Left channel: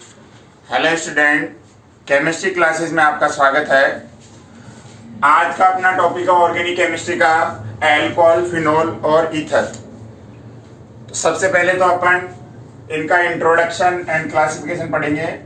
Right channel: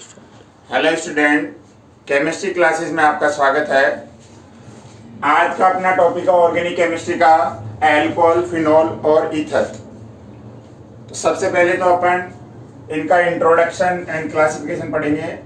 Hello student, chemistry classes में आपका स्वागत है। आज का अपना टॉपिक है ऑर्गेनिक केमिस्ट्री का एल्कोहल, फिनोल और ईथर। तो सबसे पहले तो अपन इनका इंट्रोडक्शन एंड क्लासिफिकेशन पढ़ेंगे।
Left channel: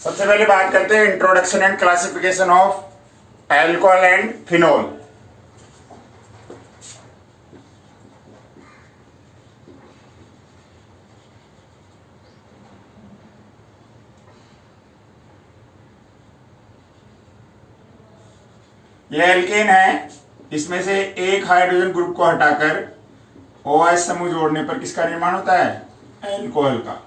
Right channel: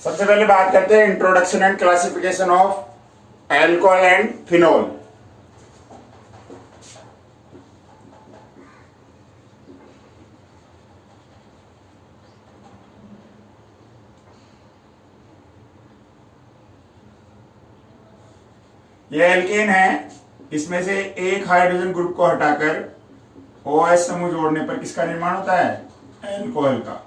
सबसे पहले बात करते हैं introduction and classification of alcohol and phenol. ये एल्केन है, इसमें से एक हाइड्रोजन ग्रुप को हटाकर OH समूह जोड़ने पर किसका निर्माण होता है? एल्कोहल का।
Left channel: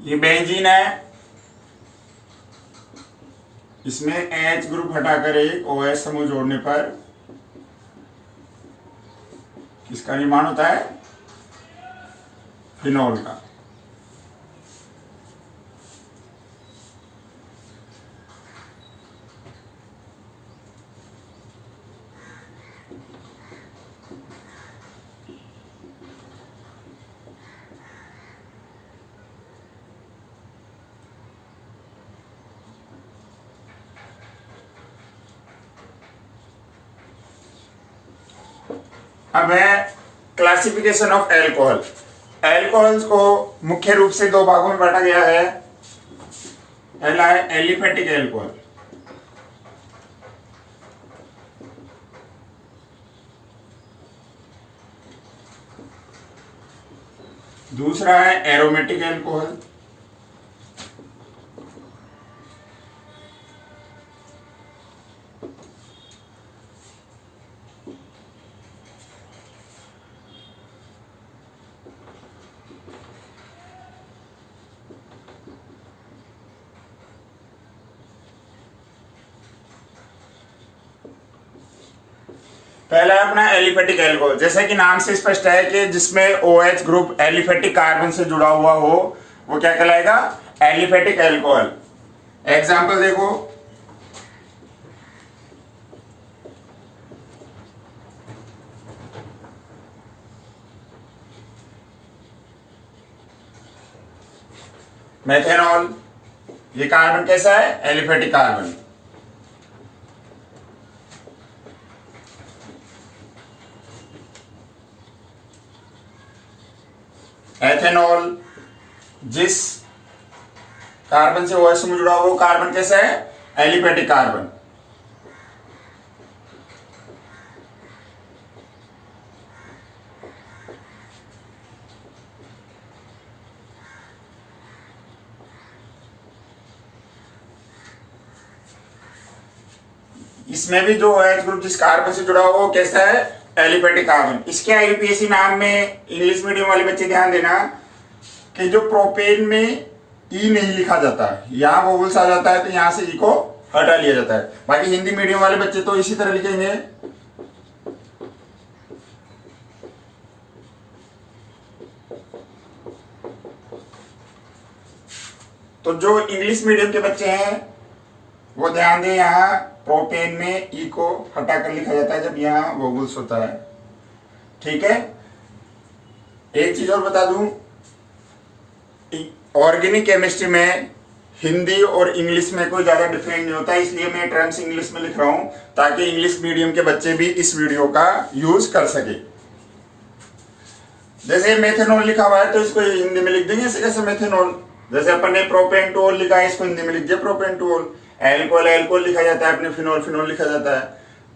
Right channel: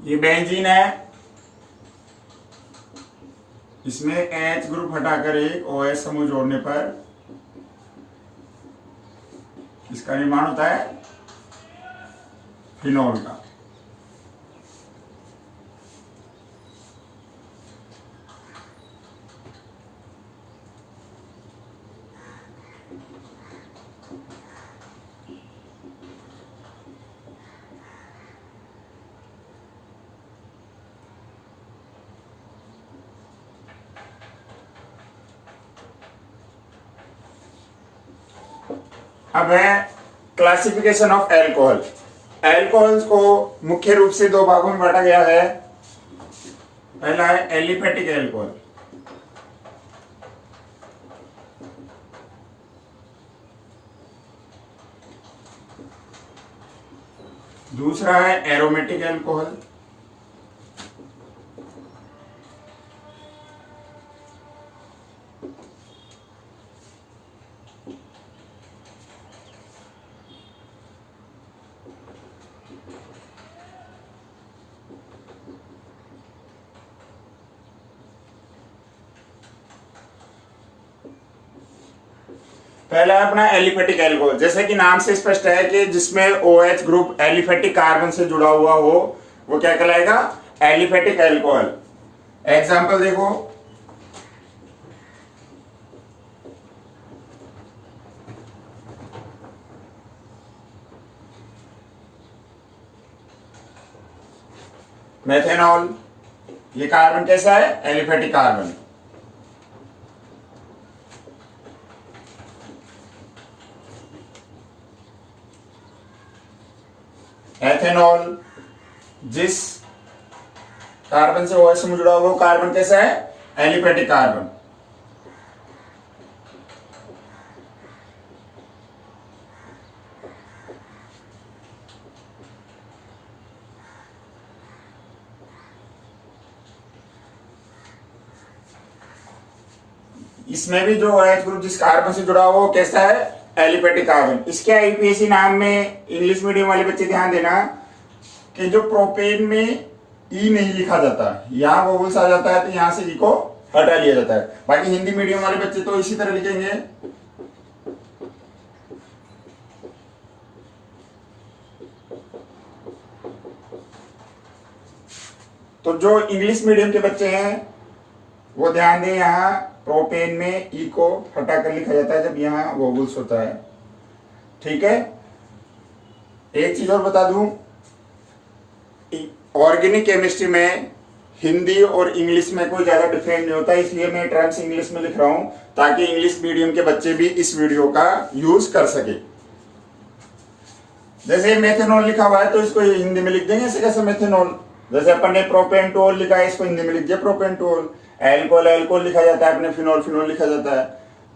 ये बेंजीन है, इसमें H ग्रुप हटाकर एक OH समूह जोड़ने पर इसका निर्माण होता है फिनोल का। अब है क्लासिफिकेशन ऑफ एल्कोहल। एल्कोहल्स को मुख्य रूप से दो भागों में बांटा गया है। पहला है एलिफेटिक एल्कोहल, दूसरा है एरोमेटिक एल्कोहल। पहला है अपना एलिफेटिक एल्कोहल, जैसे कि नाम से स्पष्ट है कि जिसमें OH ग्रुप एलिफेटिक कार्बन से जुड़ा हुआ हो वो क्या कहलाएगा? Aliphatic alcohol. एग्जांपल देखो, मेथेनॉल। ये कार्बन कैसा है? Aliphatic carbon. एथेनॉल, जिस कार्बन से OH समूह जुड़ा हुआ वो कार्बन कैसा है? Aliphatic carbon. इसमें भी जो OH ग्रुप जिस कार्बन से जुड़ा हुआ वो कैसा है? Aliphatic carbon. इसके IUPAC नाम में इंग्लिश मीडियम वाले बच्चे ध्यान देना कि जो प्रोपेन में ई नहीं लिखा जाता, यहाँ वोवल्स आ जाता है तो यहाँ से ई को हटा लिया जाता है। बाकी हिंदी मीडियम वाले बच्चे तो इसी तरह लिखेंगे। तो जो इंग्लिश मीडियम के बच्चे हैं वो ध्यान दें, यहाँ प्रोपेन में ई को हटाकर लिखा जाता है जब यहाँ वोवल्स होता है। ठीक है। एक चीज और बता दूं, ऑर्गेनिक केमिस्ट्री में हिंदी और इंग्लिश में कोई ज्यादा डिफरेंस नहीं होता, इसलिए मैं टर्म्स इंग्लिश में लिख रहा हूं ताकि इंग्लिश मीडियम के बच्चे भी इस वीडियो का यूज कर सके। जैसे मेथेनॉल लिखा हुआ है तो इसको हिंदी में लिख देंगे ऐसे कैसे मेथेनॉल। जैसे अपन ने प्रोपेनटोल लिखा है, इसको हिंदी में लिख दिया प्रोपेनटोल। एल्कोहल एल्कोहल लिखा जाता है, अपने फिनोल फिनोल लिखा जाता है।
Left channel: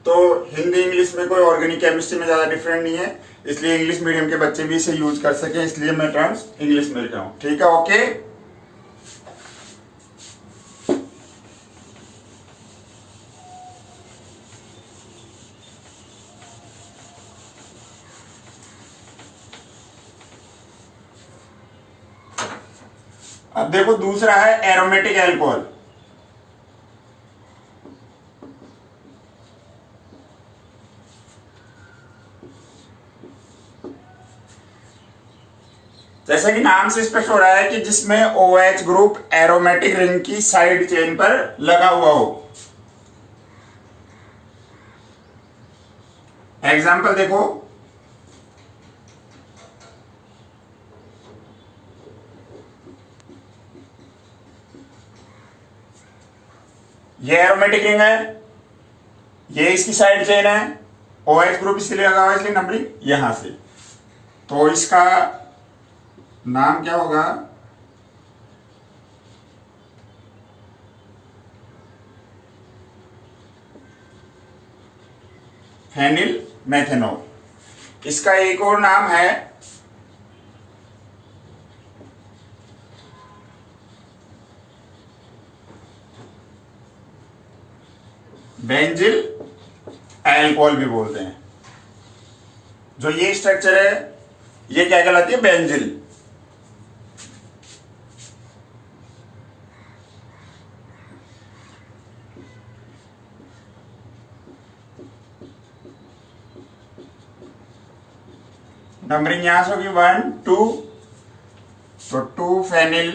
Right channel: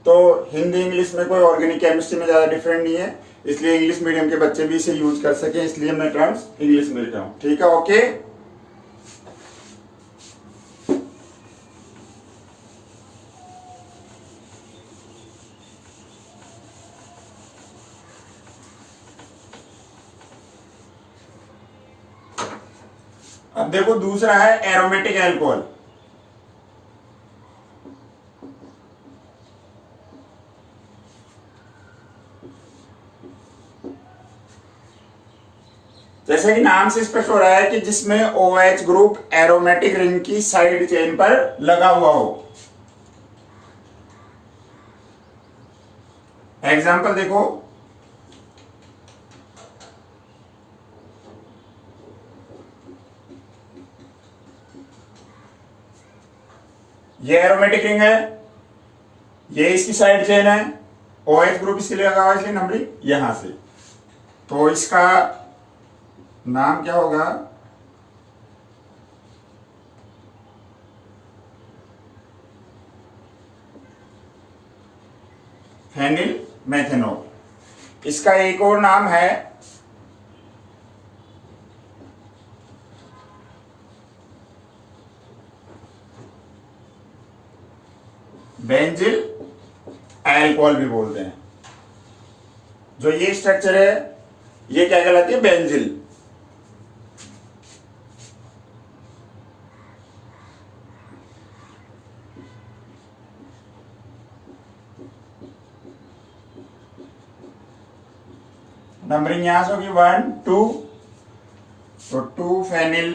तो हिंदी इंग्लिश में कोई ऑर्गेनिक केमिस्ट्री में ज्यादा डिफरेंट नहीं है, इसलिए इंग्लिश मीडियम के बच्चे भी इसे यूज कर सके, इसलिए मैं टर्म्स इंग्लिश में लिख रहा हूं। ठीक है, ओके। अब देखो दूसरा है एरोमेटिक एल्कोहल। जैसे कि नाम से स्पष्ट हो रहा है कि जिसमें OH ग्रुप एरोमेटिक रिंग की साइड चेन पर लगा हुआ हो। एग्जाम्पल देखो, ये एरोमेटिक रिंग है, ये इसकी साइड चेन है, OH ग्रुप इसलिए लगा हुआ है, इसलिए नंबरिंग यहां से। तो इसका नाम क्या होगा? Phenyl methanol. इसका एक और नाम है बेंजिल एल्कोहल भी बोलते हैं। जो ये स्ट्रक्चर है ये क्या कहलाती है? बेंजिल। नंबरिंग यहां से होगी 1 2, तो 2 फेनिल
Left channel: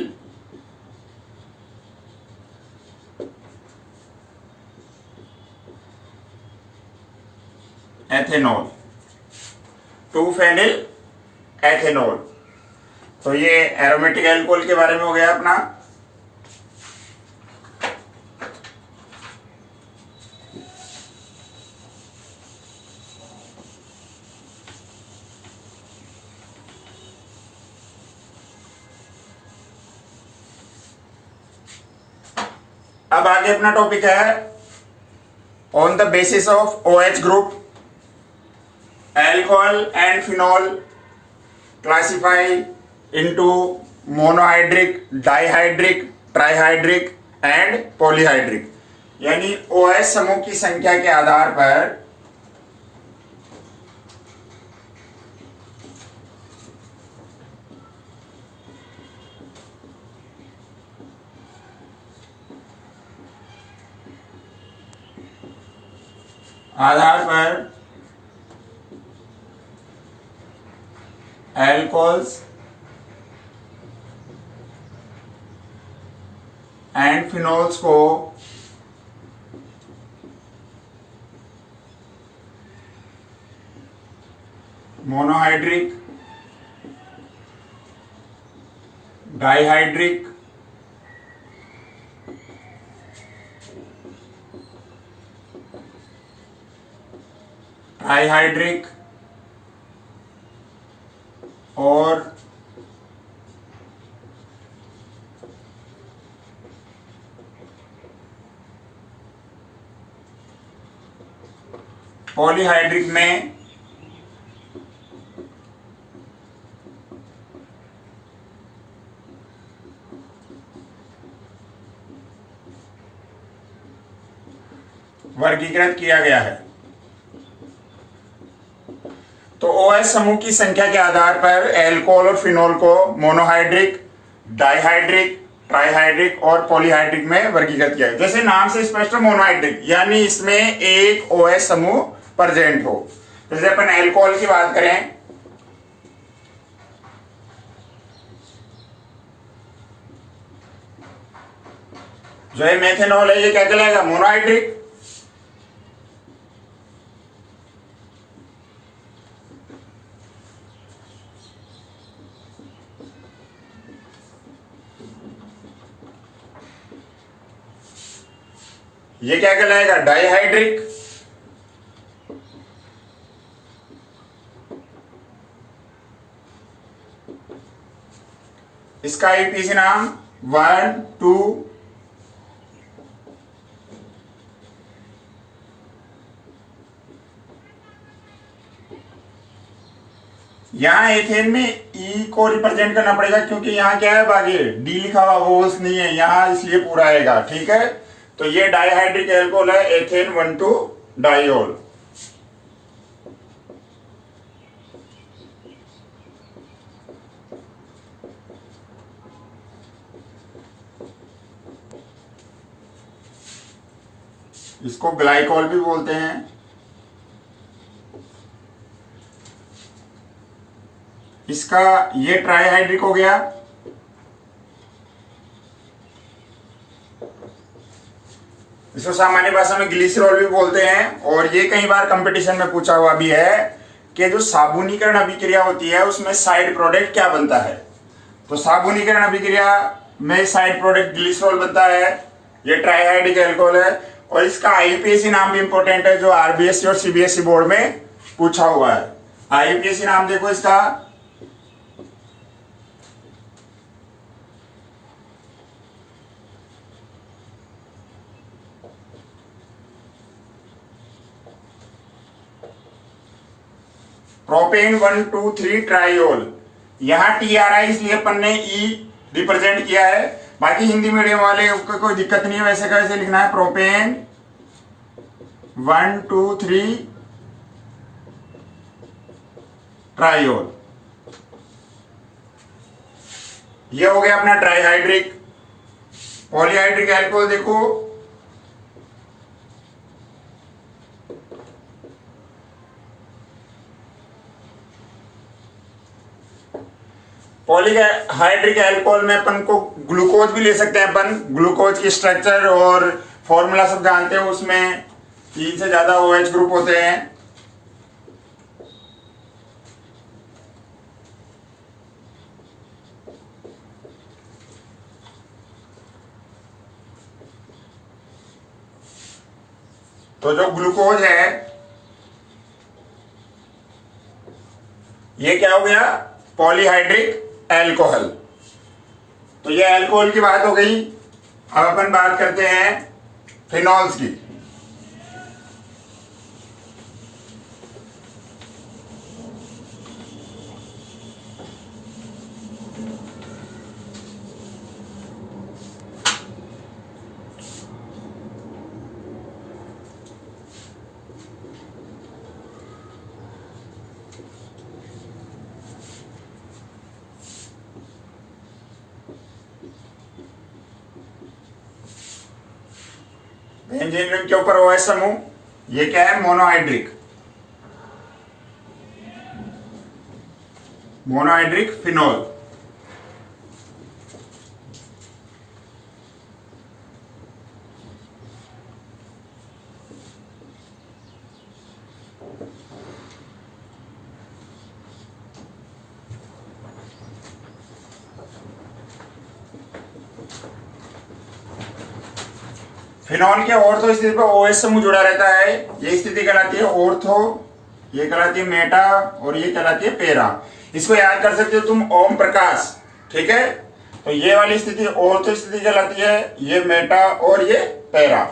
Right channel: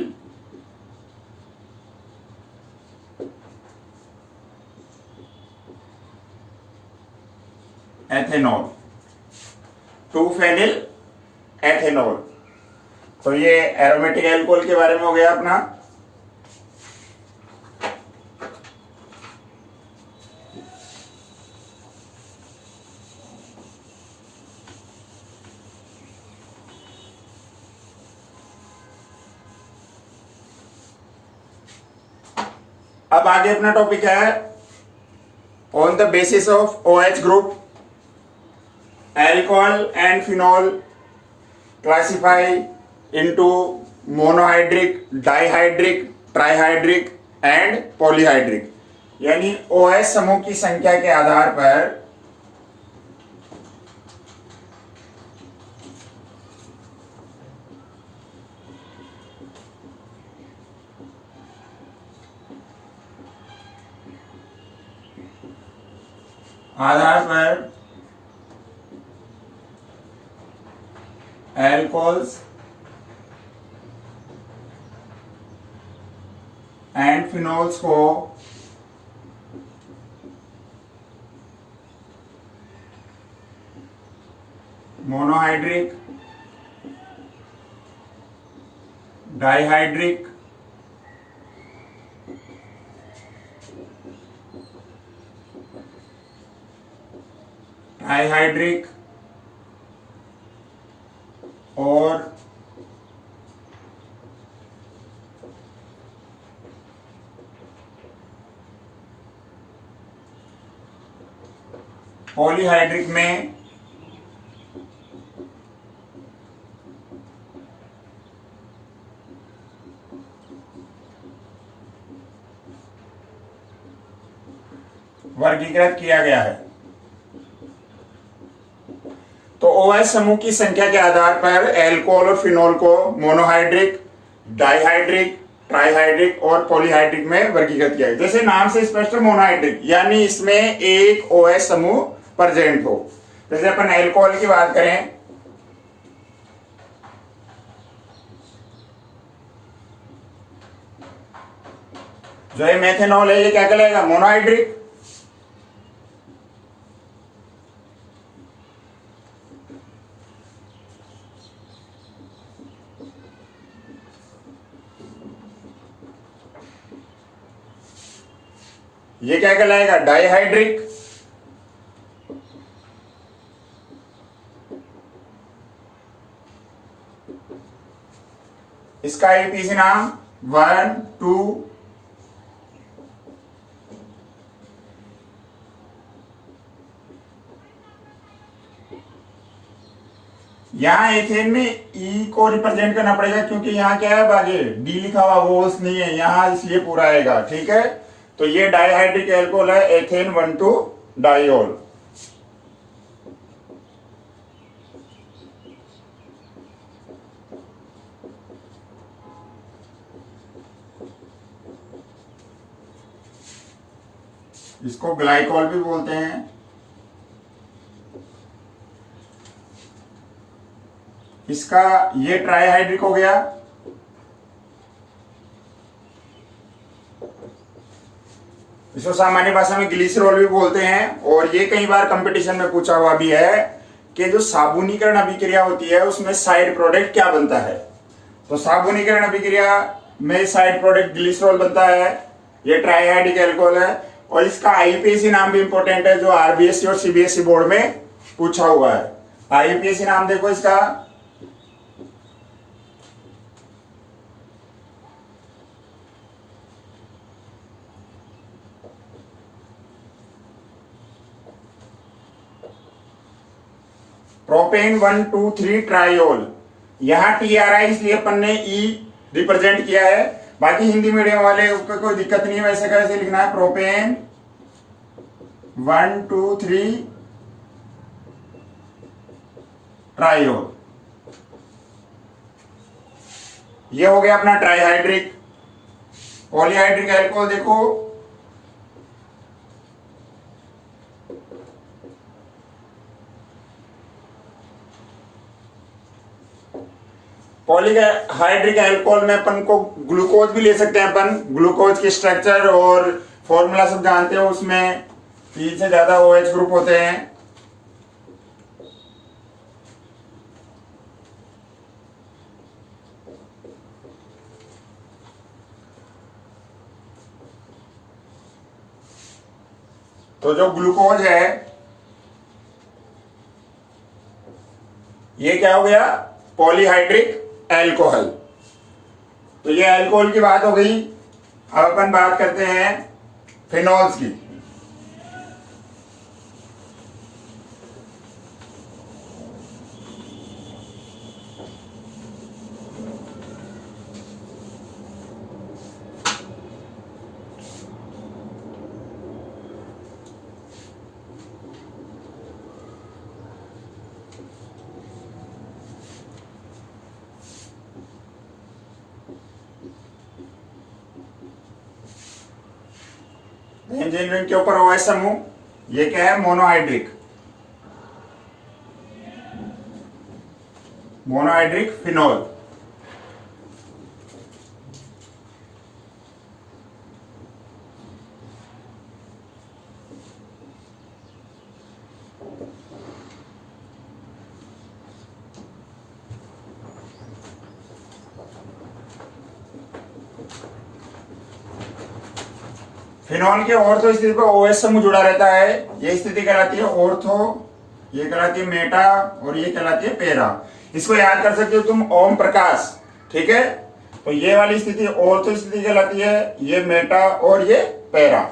एथेनॉल, 2 फेनिल एथेनॉल। तो ये एरोमेटिक एल्कोहल के बारे में हो गया अपना। अब आगे अपना टॉपिक है on the basis of OH group alcohol and phenol classify into monohydric, dihydric, trihydric and polyhydric. यानी OH समूह की संख्या के आधार पर एल्कोहल्स एंड फिनोल्स को मोनोहाइड्रिक, डाइहाइड्रिक, ट्राइहाइड्रिक और पॉलीहाइड्रिक में वर्गीकृत किया गया है। तो OH समूह की संख्या के आधार पर एल्कोहल और फिनोल को मोनोहाइड्रिक, डाइहाइड्रिक, ट्राइहाइड्रिक और पॉलीहाइड्रिक में वर्गीकृत किया है। जैसे नाम से स्पष्ट है, मोनोहाइड्रिक यानी इसमें एक OH समूह प्रेजेंट हो। जैसे अपन एल्कोहल की बात करें, जो ये मेथेनॉल है ये क्या कहलाएगा? मोनोहाइड्रिक। ये क्या कहलाएगा? डाइहाइड्रिक। इसका आईपीसी नाम 1 2 यहां एथेन में ई को रिप्रेजेंट करना पड़ेगा क्योंकि यहां क्या है? आगे डी लिखा हुआ वो नहीं है यहां, इसलिए पूरा आएगा। ठीक है, तो ये डाइहाइड्रिक एल्कोहल है, एथेन 1 2 डाइओल। इसको ग्लाइकॉल भी बोलते हैं। इसका ये ट्राईहाइड्रिक हो गया। इसको सामान्य भाषा में ग्लिसरॉल भी बोलते हैं। और ये कई बार कंपटीशन में पूछा हुआ भी है कि जो साबुनीकरण अभिक्रिया होती है उसमें साइड प्रोडक्ट क्या बनता है। तो साबुनीकरण अभिक्रिया में साइड प्रोडक्ट ग्लिसरॉल बनता है। ये ट्राईहाइड्रिक अल्कोहल है। और इसका आईयूपीएसी नाम भी इंपॉर्टेंट है, जो आरबीएसई और सीबीएसई बोर्ड में पूछा हुआ है। आईयूपीएसी नाम देखो इसका, प्रोपेन 1,2,3 ट्राइओल। यहां TRI इसलिए अपन ने ई रिप्रेजेंट किया है। बाकी हिंदी मीडियम वाले को कोई दिक्कत नहीं है, वैसे कैसे लिखना है, प्रोपेन 1,2,3 ट्राइओल। ये हो गया अपना ट्राईहाइड्रिक। पॉलीहाइड्रिक अल्कोहल देखो, पॉलीहाइड्रिक अल्कोहल में अपन को ग्लूकोज भी ले सकते हैं। अपन ग्लूकोज की स्ट्रक्चर और फॉर्मूला सब जानते हैं, उसमें 3 से ज्यादा OH ग्रुप होते हैं। तो जो ग्लूकोज है ये क्या हो गया, पॉलीहाइड्रिक अल्कोहल। तो ये अल्कोहल की बात हो गई। अब अपन बात करते हैं फिनॉल्स की। बेंजीन रिंग के ऊपर OH समूह, ये क्या है, मोनोहाइड्रिक। Monohydric phenol. फिनॉल के ऑर्थो स्थिति पर OH समूह जुड़ा रहता है। ये स्थिति कहलाती है ऑर्थो, ये कहलाती है मेटा और ये कहलाती है पेरा। इसको याद कर सकते हो तुम, ओम प्रकाश। ठीक है, तो ये वाली स्थिति ऑर्थो स्थिति कहलाती है, ये मेटा और ये पेरा।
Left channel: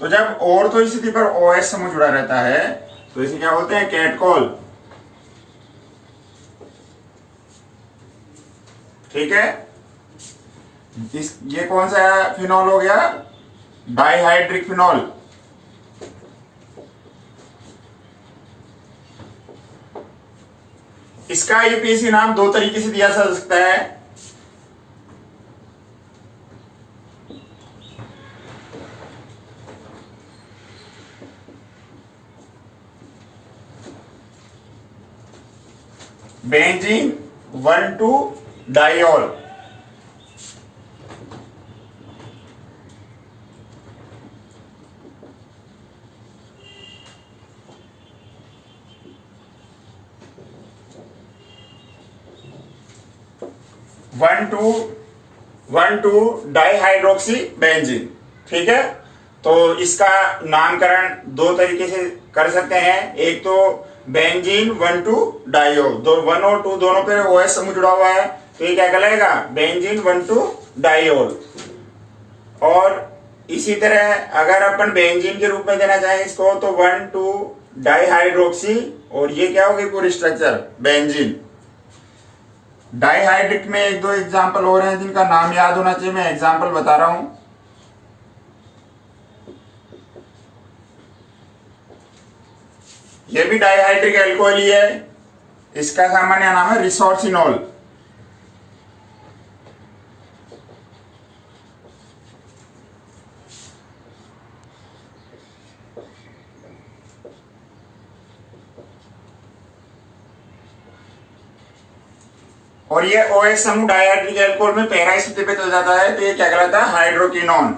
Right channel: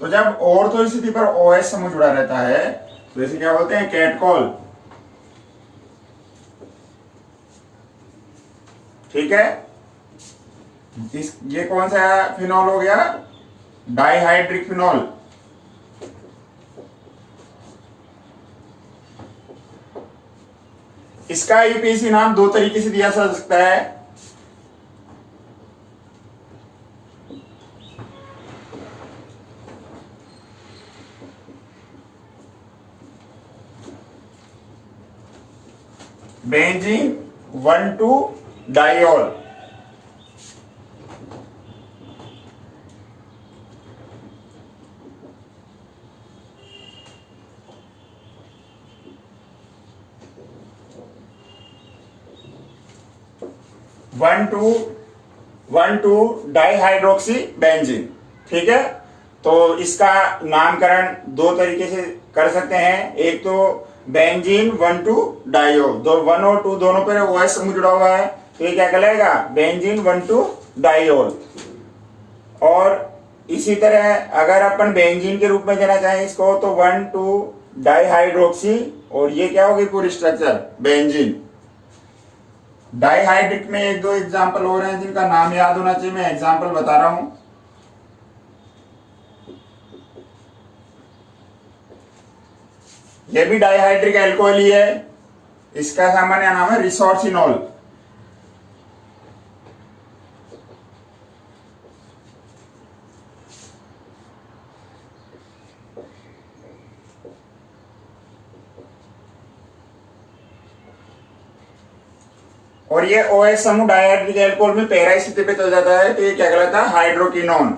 तो जब ऑर्थो स्थिति पर OH समूह जुड़ा रहता है तो इसे क्या बोलते हैं, कैटकॉल। ठीक है, ये कौन सा फिनॉल हो गया, डाइहाइड्रिक फिनॉल। इसका यूपीएससी नाम 2 तरीके से दिया जा सकता है। बेंजीन 1,2-डाइऑल। One two dihydroxy benzene. ठीक है, तो इसका नामकरण 2 तरीके से कर सकते हैं। एक तो बेंजीन 1,2-डाइऑल, 1 और 2 दोनों पे OH समूह जुड़ा हुआ है, तो ये क्या कहलाएगा, बेंजीन 1,2-डाइऑल। और इसी तरह अगर अपन बेंजीन के रूप में देना चाहें इसको, तो 1,2-डाइहाइड्रोक्सी, और ये क्या होगी पूरी स्ट्रक्चर, बेंजीन। डाइहाइड्रिक में 1-2 एग्जाम्पल हो रहे हैं जिनका नाम याद होना चाहिए, मैं एग्जाम्पल बता रहा हूं। ये भी डाइहाइड्रिक अल्कोहल ही है, इसका सामान्य नाम है रिसोर्सिनॉल। और ये OH समूह डायहाइड्रिक एल्कोहल में पैरा स्थिति पे चल जाता है, तो ये क्या कहलाता है? हाइड्रोक्विनोन।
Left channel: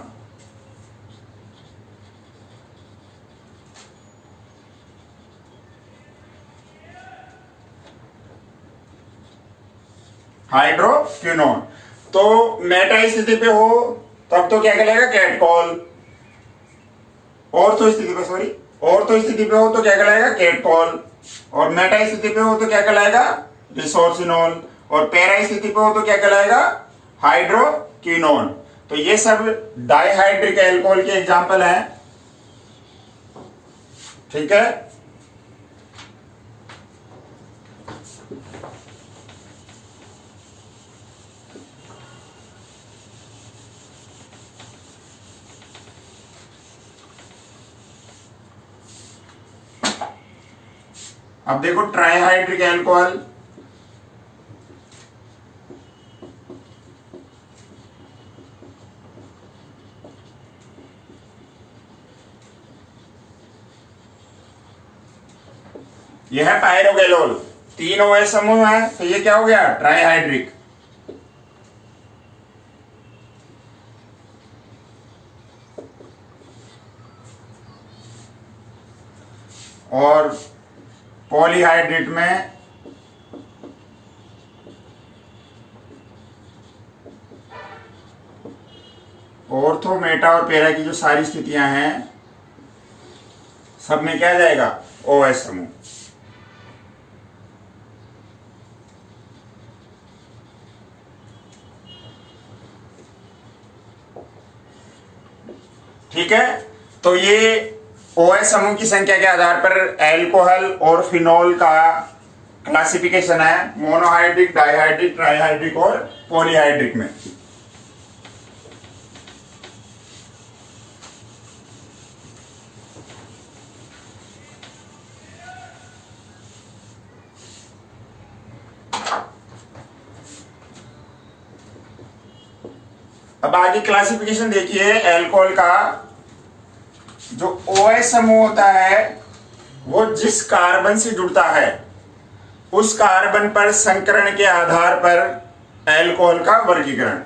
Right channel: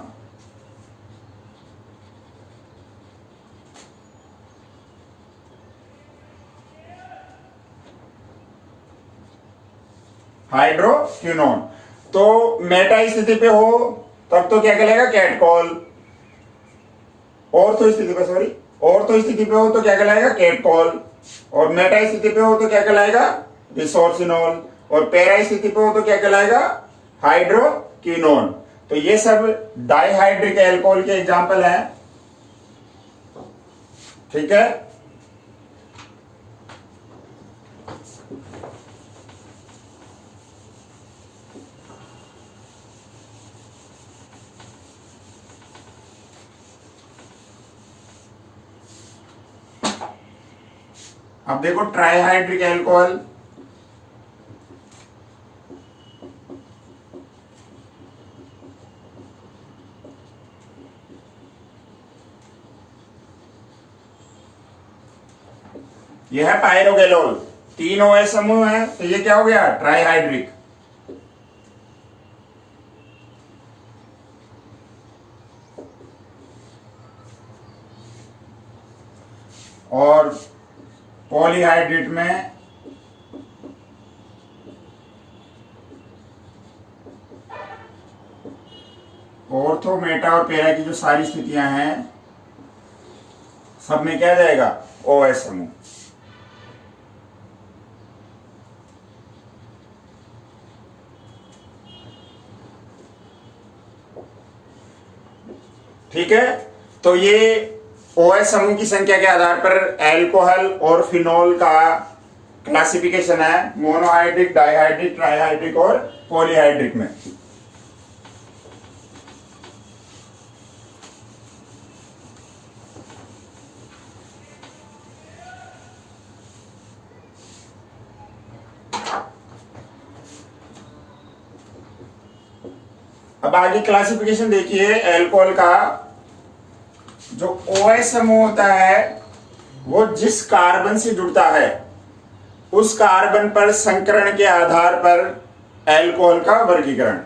हाइड्रोक्विनोन। तो मेटा स्थिति पे हो तब तो क्या कहलाएगा? कैटकॉल। ऑर्थो स्थिति पे, सॉरी, ऑर्थो स्थिति पे हो तो क्या कहलाएगा? कैटकॉल। और मेटा स्थिति पे हो तो क्या कहलाएगा? रिसोर्सिनोल। और पैरा स्थिति पे हो तो क्या कहलाएगा? हाइड्रोक्विनोन। तो ये सब डाइहाइड्रिक एल्कोहल के एग्जाम्पल हैं। ठीक है। अब देखो ट्राइहाइड्रिक एल्कोहल। यह है पायरोगेलोल। 3 OH समूह है, तो ये क्या हो गया? ट्राइहाइड्रिक। और पॉलीहाइड्रेट में ऑर्थो, मेटा और पैरा की जो सारी स्थितियां हैं, सब में क्या जाएगा? OH समूह। ठीक है। तो ये OH समूह की संख्या के आधार पर एल्कोहल और फिनोल का क्लासिफिकेशन है, मोनोहाइड्रिक, डाइहाइड्रिक, ट्राइहाइड्रिक और पॉलीहाइड्रिक में। अब आगे क्लासिफिकेशन देखिए एल्कोहल का। जो OH समूह होता है वो जिस कार्बन से जुड़ता है उस कार्बन पर संकरण के आधार पर एल्कोहल का वर्गीकरण।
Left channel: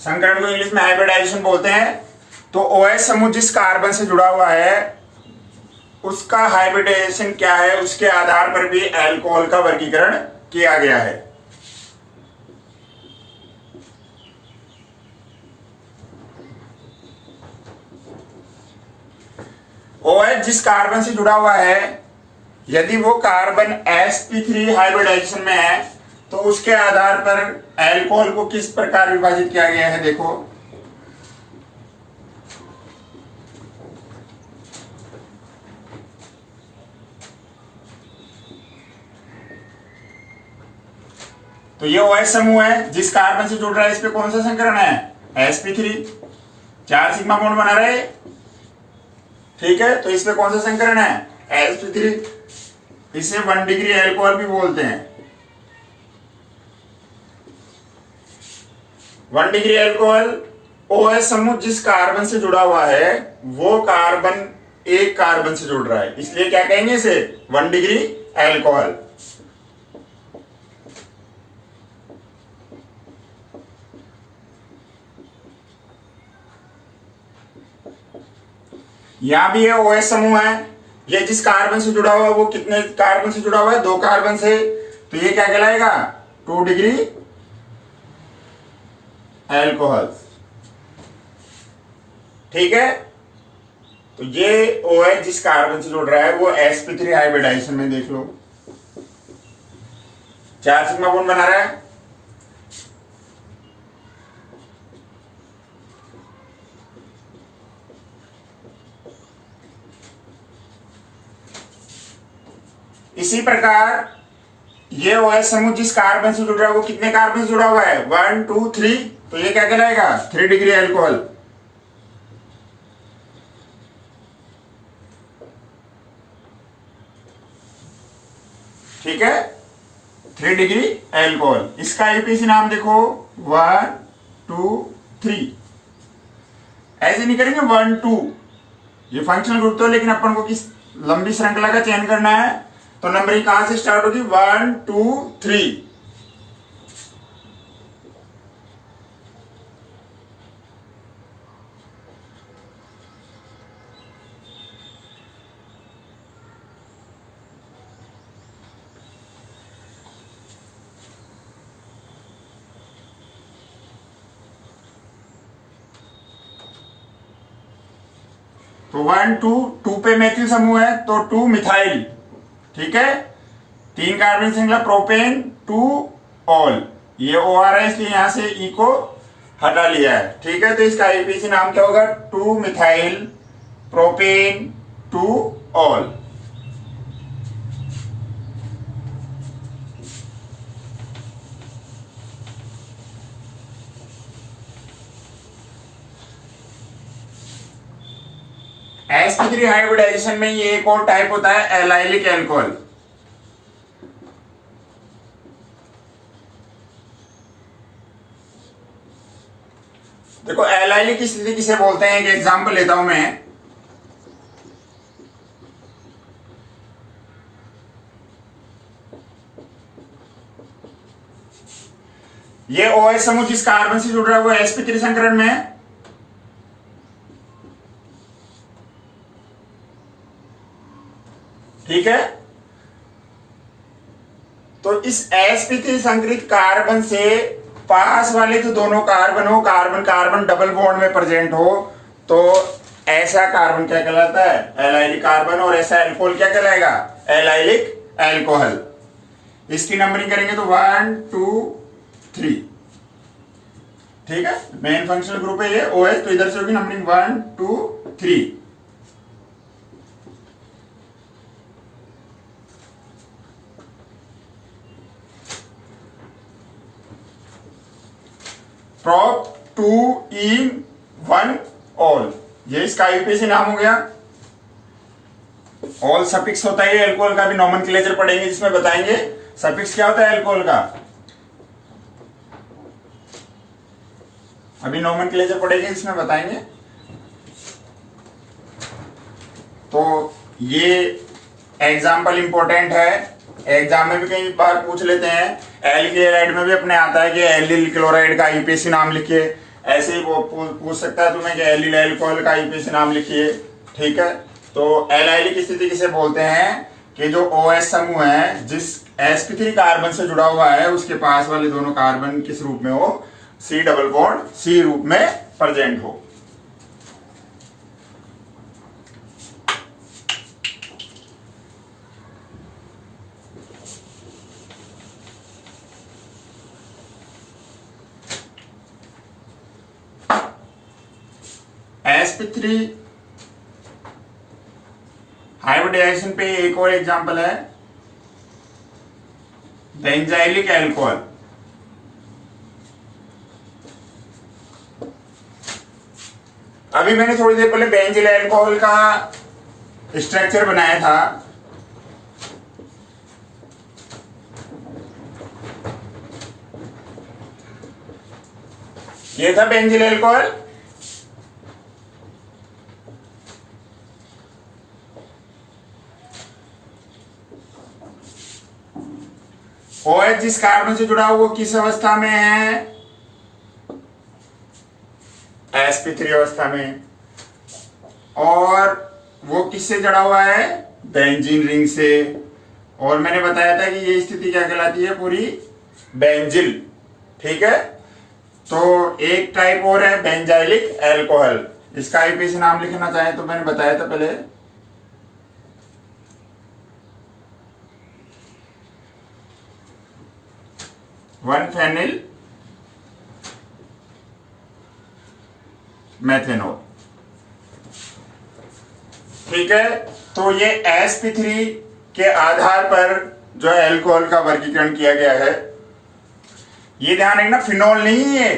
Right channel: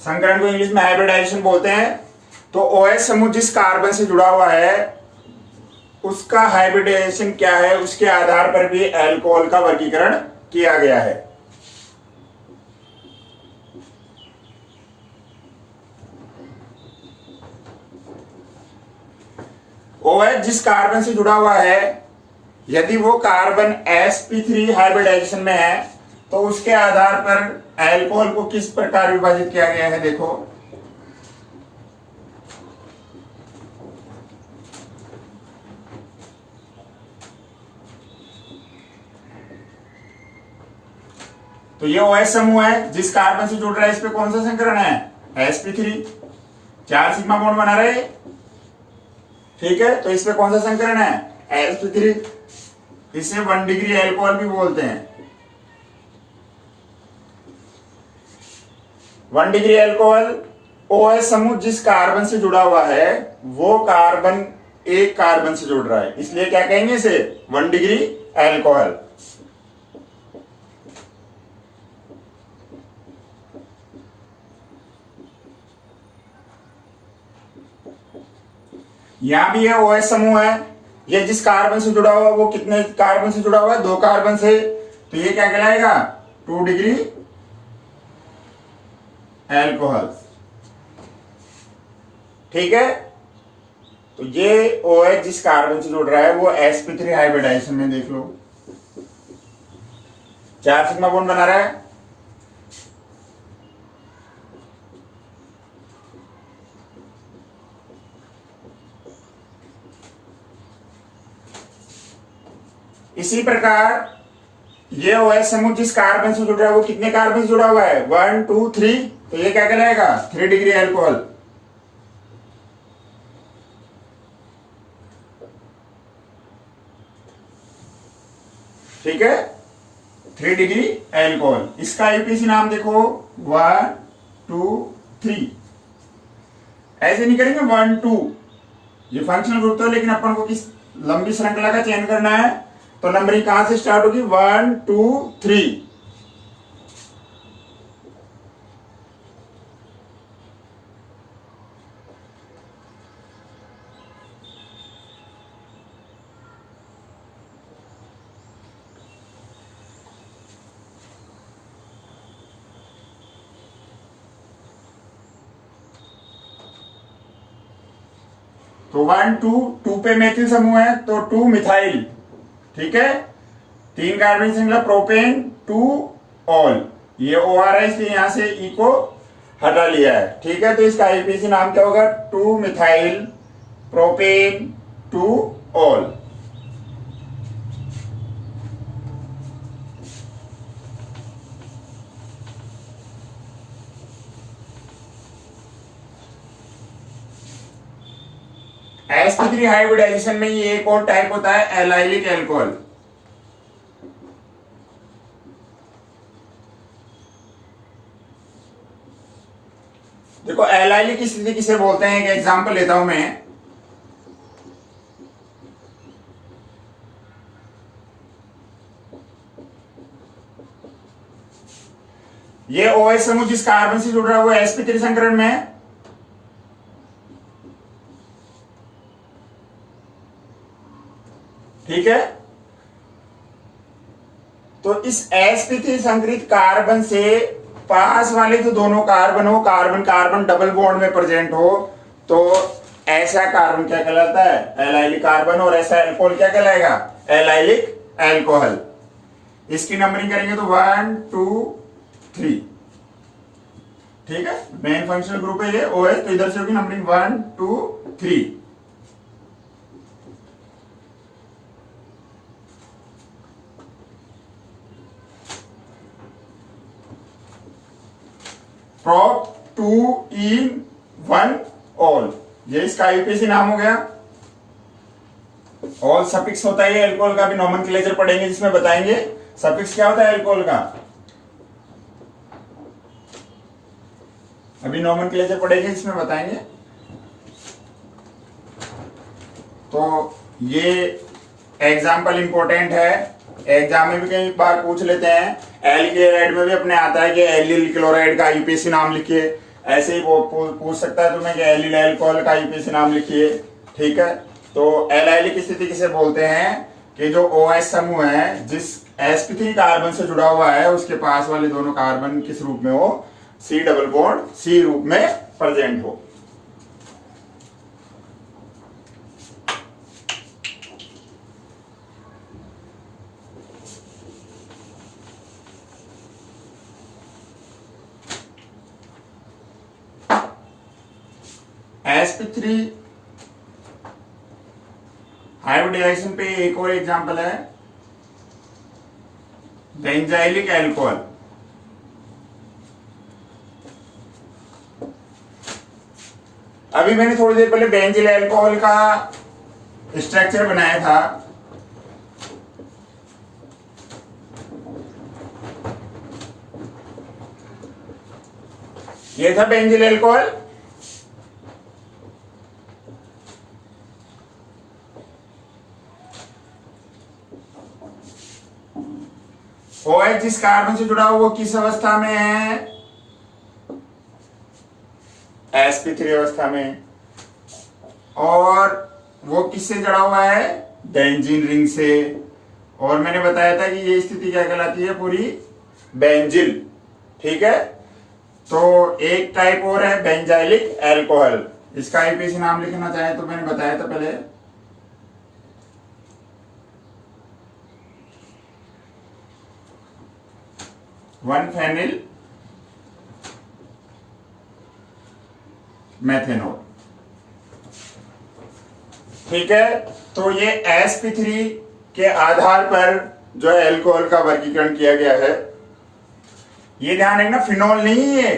संकरण को इंग्लिश में हाइब्रिडाइजेशन बोलते हैं। तो OH समूह जिस कार्बन से जुड़ा हुआ है उसका हाइब्रिडाइजेशन क्या है, उसके आधार पर भी एल्कोहल का वर्गीकरण किया गया है। OH जिस कार्बन से जुड़ा हुआ है, यदि वो कार्बन sp3 हाइब्रिडाइजेशन में है तो उसके आधार पर एल्कोहल को किस प्रकार विभाजित किया गया है। देखो, तो ये OH समूह है जिस कार्बन से जुड़ रहा है, इस पे कौन सा संकरण है? sp3। 4 सिग्मा बॉन्ड बना रहे, ठीक है। तो इस पे कौन सा संकरण है? sp3। इसे 1 डिग्री एल्कोहल भी बोलते हैं। 1 डिग्री एल्कोहल OH समूह जिस कार्बन से जुड़ा हुआ है वो कार्बन एक कार्बन से जुड़ रहा है, इसलिए क्या कहेंगे इसे? 1 डिग्री एल्कोहल। यहां भी ये OH समूह है, ये जिस कार्बन से जुड़ा हुआ है वो कितने कार्बन से जुड़ा हुआ है? 2 कार्बन से। तो ये क्या कहलाएगा? 2 डिग्री एल्कोहल। ठीक है। तो ये OH जिस कार्बन से जुड़ रहा है वो sp3 हाइब्रिडाइजेशन में, देख लो, 4 सिग्मा बॉन्ड बना रहा है। इसी प्रकार ये OH समूह जिस कार्बन से जुड़ रहा है वो कितने कार्बन से जुड़ा हुआ है, 1 2 3, तो ये क्या कहलाएगा, 3 डिग्री एल्कोहल। ठीक है, 3 डिग्री एल्कोहल। इसका आईपीसी नाम देखो 1 2 3, ऐसे नहीं करेंगे 1 2, ये फंक्शनल ग्रुप तो, लेकिन अपन को किस लंबी श्रृंखला का चयन करना है, तो नंबरिंग कहां से स्टार्ट होगी, 1 2 3। तो 1 2 2 पे मेथिल समूह है तो 2 मिथाइल। ठीक है, 3 कार्बन श्रृंखला प्रोपेन 2 ऑल, ये OR है इसलिए यहां से E को हटा लिया है। ठीक है, तो इसका आईपीसी नाम क्या होगा, 2 methyl propane 2 all. sp3 hybridisation में ये एक और टाइप होता है एलाइलिक एल्कोहल। देखो एलाइलिक की स्थिति किसे बोलते हैं, एक एग्जांपल लेता हूं मैं। ये OH समूह जिस कार्बन से जुड़ रहा है वो sp3 संकरण में है। ठीक है, तो इस sp3 संकरित कार्बन से पास वाले जो दोनों कार्बन हो, कार्बन कार्बन डबल बॉन्ड में प्रेजेंट हो, तो ऐसा कार्बन क्या कहलाता है, एलाइलिक कार्बन, और ऐसा एल्कोहल क्या कहलाएगा, एलाइलिक एल्कोहल। इसकी नंबरिंग करेंगे तो 1 2 3। ठीक है, मेन फंक्शनल ग्रुप है ये OH, तो इधर से होगी नंबरिंग 1 2 3। प्रोप 2 in 1 ऑल, ये इसका आईपीसी नाम हो गया। ऑल सफिक्स होता है एल्कोहल का, भी नोमेनक्लेचर पढ़ेंगे जिसमें बताएंगे सफिक्स क्या होता है एल्कोहल का, अभी नोमेनक्लेचर पढ़ेंगे जिसमें बताएंगे। तो ये एग्जाम्पल इंपॉर्टेंट है, एग्जाम में भी कई बार पूछ लेते हैं। एल्किल में भी अपने आता है कि एलिल क्लोराइड का आईपीसी नाम लिखिए, ऐसे ही वो पूछ सकता है तुम्हें कि एलिल एल्कोहल का आईपीसी नाम लिखिए। ठीक है, तो एलाइलिक स्थिति किसे बोलते हैं कि जो OH समूह है जिस sp3 कार्बन से जुड़ा हुआ है उसके पास वाले दोनों कार्बन किस रूप में हो, C डबल बॉन्ड C रूप में प्रेजेंट हो। sp3 हाइब्रिडाइजेशन पे एक और एग्जांपल है बेंजाइलिक एल्कोहल। अभी मैंने थोड़ी देर पहले बेंजिल एल्कोहल का स्ट्रक्चर बनाया था। ये था बेंजिल एल्कोहल। OH जिस कार्बन से जुड़ा हुआ वो किस अवस्था में है, sp3 अवस्था में, और वो किससे जुड़ा हुआ है, बेंजीन रिंग से। और मैंने बताया था कि ये स्थिति क्या कहलाती है, पूरी बेंजिल। ठीक है, तो एक टाइप और है बेंजाइलिक एल्कोहल, इसका आईपीसी नाम लिखना चाहे तो मैंने बताया था पहले, वन फेनिल मेथेनॉल। ठीक है, तो ये sp3 के आधार पर जो है एल्कोहल का वर्गीकरण किया गया है। ये ध्यान रखना, फिनोल नहीं है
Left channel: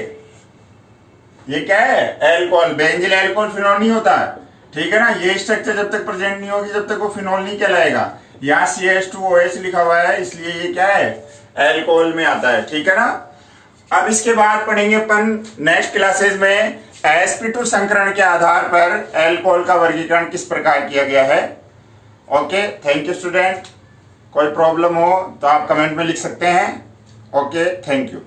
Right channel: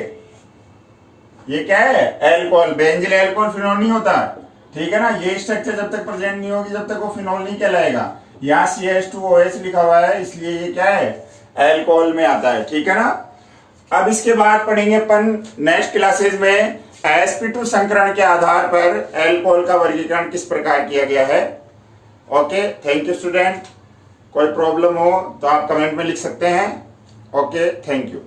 ये क्या है, एल्कोहल। बेंजिल एल्कोहल फिनोल नहीं होता, ठीक है ना। ये स्ट्रक्चर जब तक प्रेजेंट नहीं होगी तब तक वो फिनोल नहीं कहलाएगा। यहाँ CH2OH लिखा हुआ है, इसलिए ये क्या है, एल्कोहल में आता है, ठीक है ना। अब इसके बाद पढ़ेंगे अपन नेक्स्ट क्लासेस में sp2 संकरण के आधार पर एल्कोहल का वर्गीकरण किस प्रकार किया गया है। Okay, thank you student. कोई प्रॉब्लम हो तो आप कमेंट में लिख सकते हैं। Okay, thank you.